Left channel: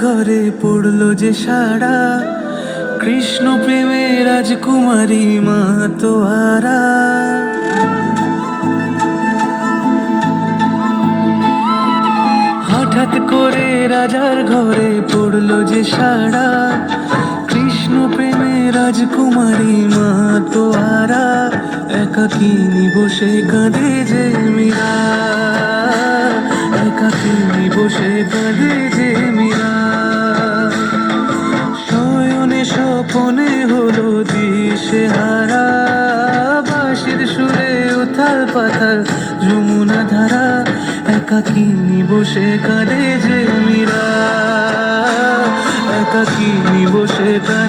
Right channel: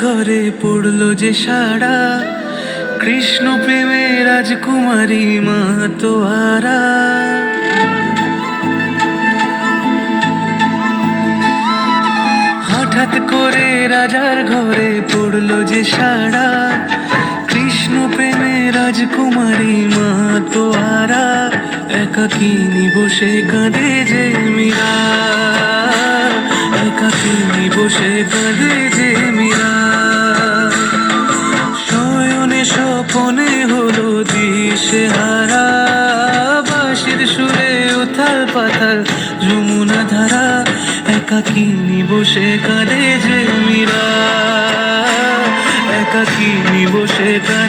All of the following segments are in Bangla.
ঘরে পড়ল যে সারা কৃষ্ণ প্রেমে রাজকুমারী মা তোহারা। হঠাৎ করে রাজার ঘরে পড়ল যে সারা কৃষ্ণ প্রেমে রাজকুমারী মা তোহারা। একাকিনী বসে কাঁদে যে একাকিনী বসে কাঁদে যে মীরা। শয়নে স্বপনে হলো দিশে হারা বাঁশির সুরে উথাল পাথাল যমুনা ধারা। একাকিনী বসে কাঁদে যে মীরা। একাকিনী বসে কাঁদে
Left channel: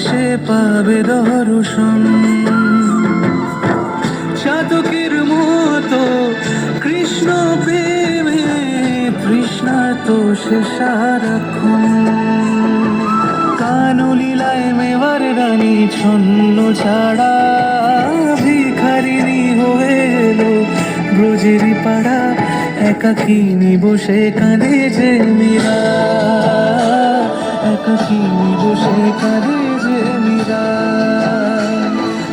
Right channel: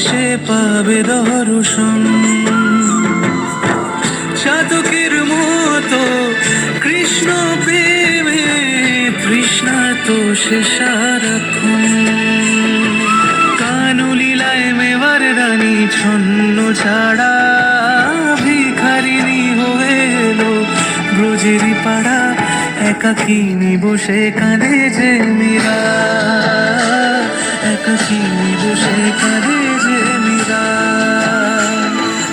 সে পাবে দর্শন। চাতকের মতো কৃষ্ণ প্রেমে তৃষ্ণা তো সে সারাক্ষণ। কানুলীলায় মেবার রানী ছন্ন ছাড়া ভিখারিনী হয়ে এলো। ব্রজেরই পাড়া একাকিনী বসে কাঁদে যে মীরা। একাকিনী বসে কাঁদে